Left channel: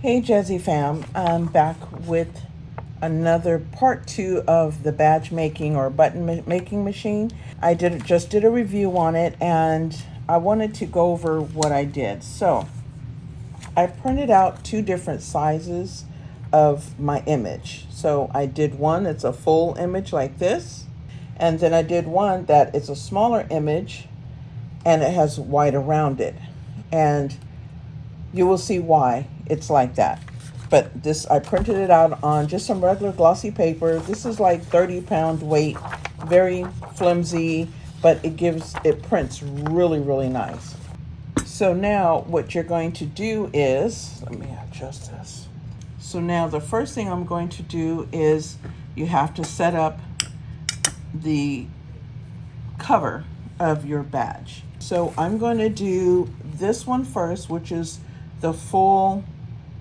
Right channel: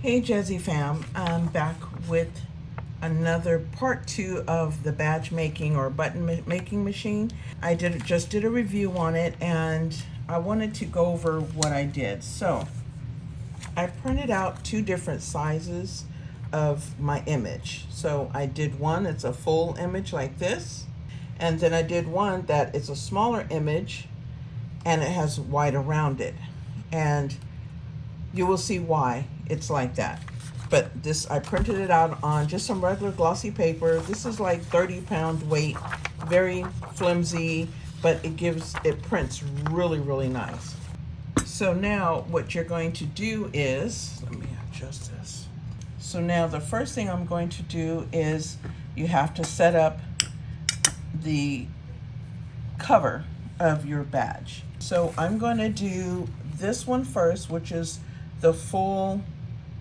Hey Jazzy fam, I'm back with another part 2 of the badge making or making machine. Just did a review on it and I wanted to go over what I did. So I printed out two different sizes of my image. So I did one, it's a full image like this, and then I did one that it's a smaller image and it has white around it. And you will see why it's like that. But this, I printed it out on just some regular glossy paper. This is like 30-pound weight, very flimsy, but it prints really, really nice. So now what you're going to do is, let me adjust this. So now the first thing I'm going to do is you have to set up the cover of your badge. So I'm going to do this one first, which is the full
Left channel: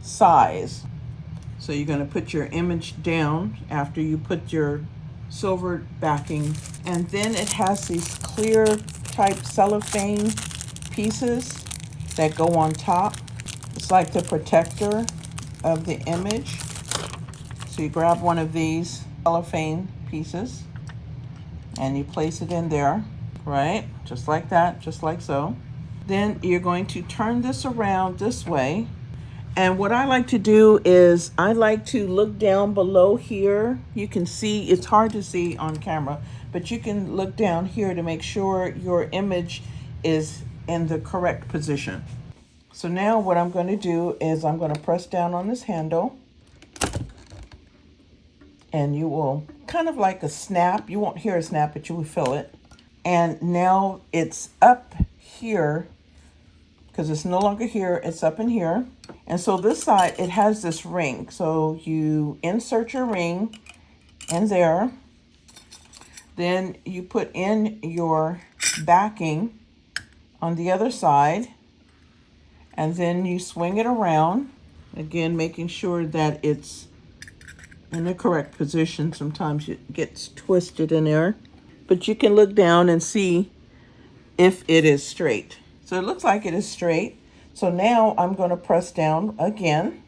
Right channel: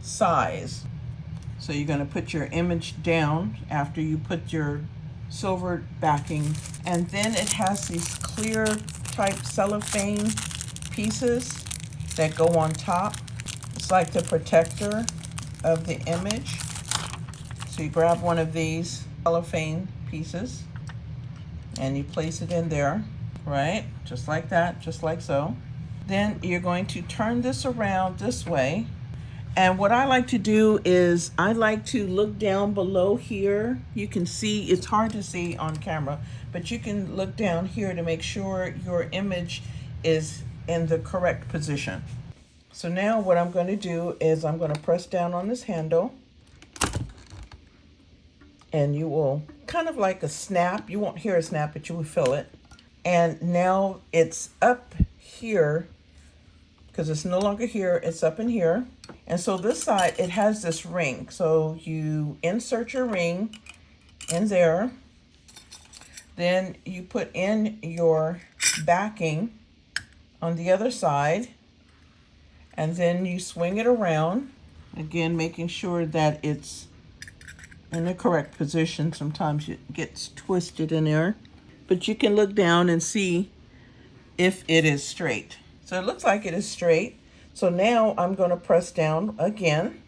size. So you're going to put your image down after you put your silver backing, and then it has these clear type cellophane pieces that go on top. It's like the protector of the image. So you grab one of these cellophane pieces and you place it in there, right? Just like that, just like so. Then you're going to turn this around this way. And what I like to do is I like to look down below here. You can see, it's hard to see on camera, but you can look down here to make sure your image is in the correct position. So now what I'm going to do is I'm going to press down on this handle, and you will kind of like a snap. You won't hear a snap, but you will feel it. And now it's up here because it's no longer here, it's up in here. And so this side, it has this ring. So you insert your ring in there. Then you put in your backing on the other side. And then you swing it around. Again, making sure that it's in the correct position. Sometimes it gets twisted in there. But you can look down and see if it is straight. So it looks like it is straight. So now I'm going to press down again,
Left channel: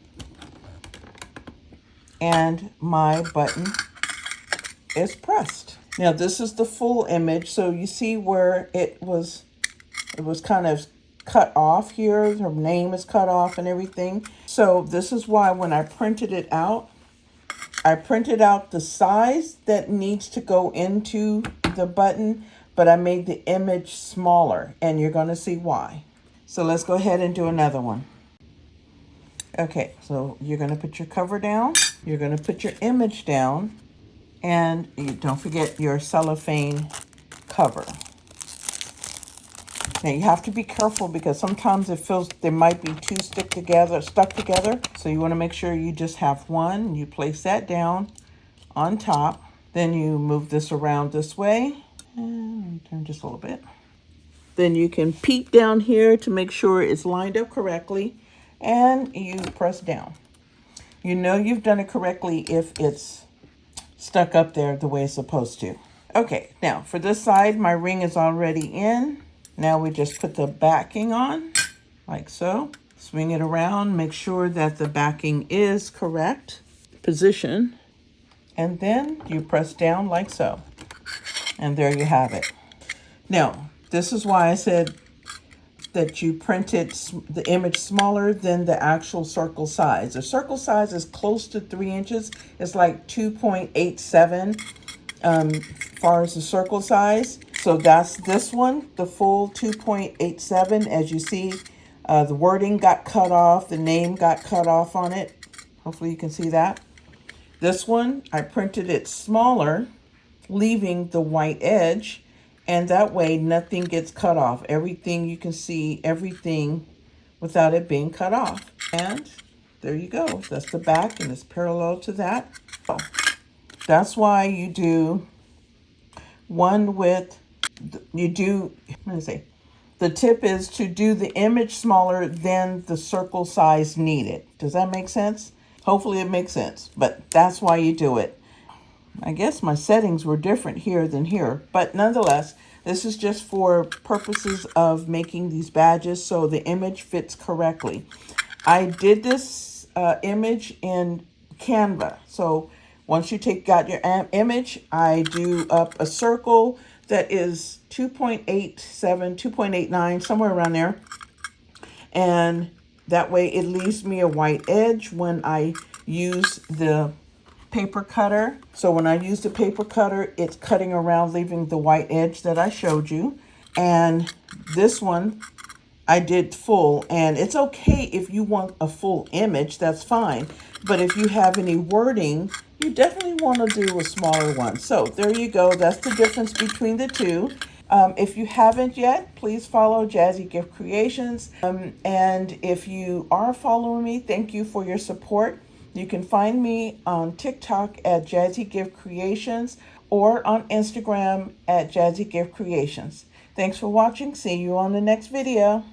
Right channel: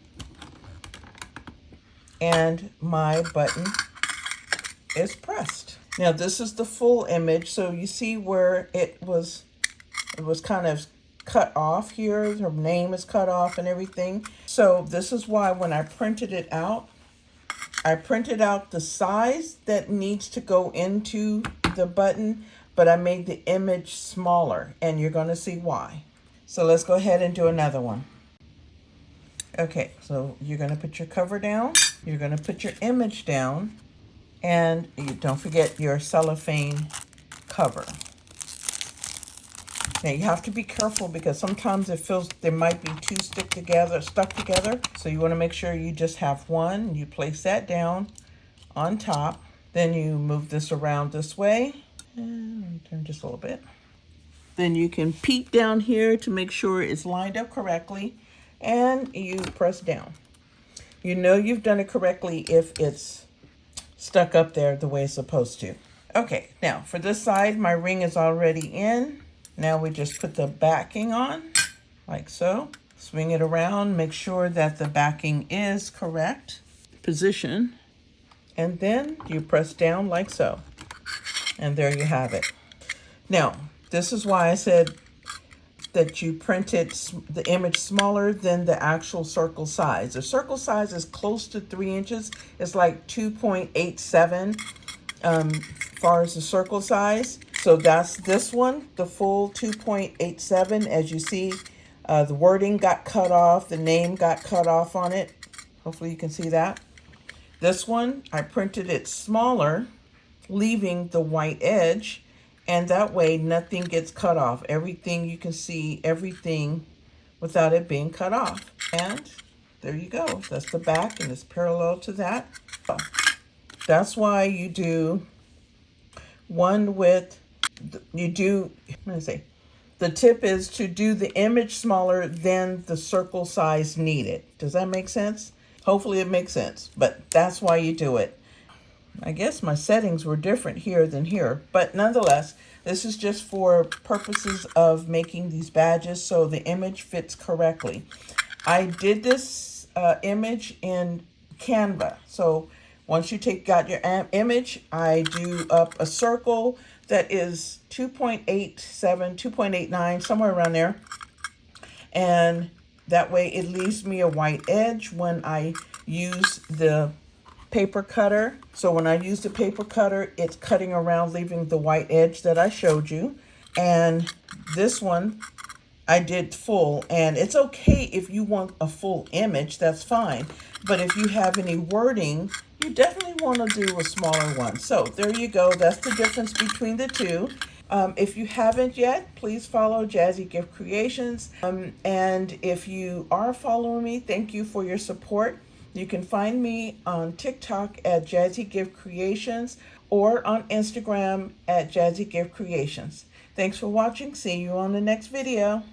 and my button is pressed. Now this is the full image. So you see where it was kind of cut off here. Her name is cut off and everything. So this is why when I printed it out, I printed out the size that needs to go into the button, but I made the image smaller, and you're going to see why. So let's go ahead and do another one. Okay, so you're going to put your cover down, you're going to put your image down, and you don't forget your cellophane cover. Now you have to be careful because sometimes it feels they might be two stuck together. So you want to make sure you just have one. You place that down on top. Then you move this around this way. And turn just a little bit. Then you can peek down here to make sure it's lined up correctly. And you press down. You know you've done it correctly if it's stuck up there the way it's supposed to. Okay, now for this side, my ring is already in. Now we just put the backing on, like so. Swing it around, make sure that the backing is correct position. And then you press down like so. And there you have it. Now, this is why I said that you printed the image smaller than the actual circle size. The circle size is close to 3 inches. It's like 2.87 far as the circle size. So that's this one, the full 2.87. As you see, the wording got cut off, the name got cut off on it. Hopefully you can see that. This one, I printed it smaller, leaving the white edge, and that way nothing gets cut off. Everything, you can see everything without it being cut off. And there you go. That's the back, and it's parallel to that. That's why you do one with, the tip is to do the image smaller than the circle size needed. Does that make sense? Hopefully it makes sense, but that's why you do it. I guess my settings were different here than here, but nonetheless, this is just for purposes of making these badges so the image fits correctly. I did this image in Canva. So once you got your image, I do up a circle that is 2.87, 2.89, somewhere around there. And that way it leaves me a white edge when I use the paper cutter. So when I use the paper cutter, it's cutting around, leaving the white edge that I showed you. And this one I did full, and it's okay if you want a full image, that's fine. But if you have any wording, you definitely want to do a smaller one. So there you go. That's the difference between the two. If you haven't yet, please follow Jazzy Gift Creations. And if you are following me, thank you for your support. You can find me on TikTok at Jazzy Gift Creations or on Instagram at Jazzy Gift Creations. Thanks for watching. See you on the next video.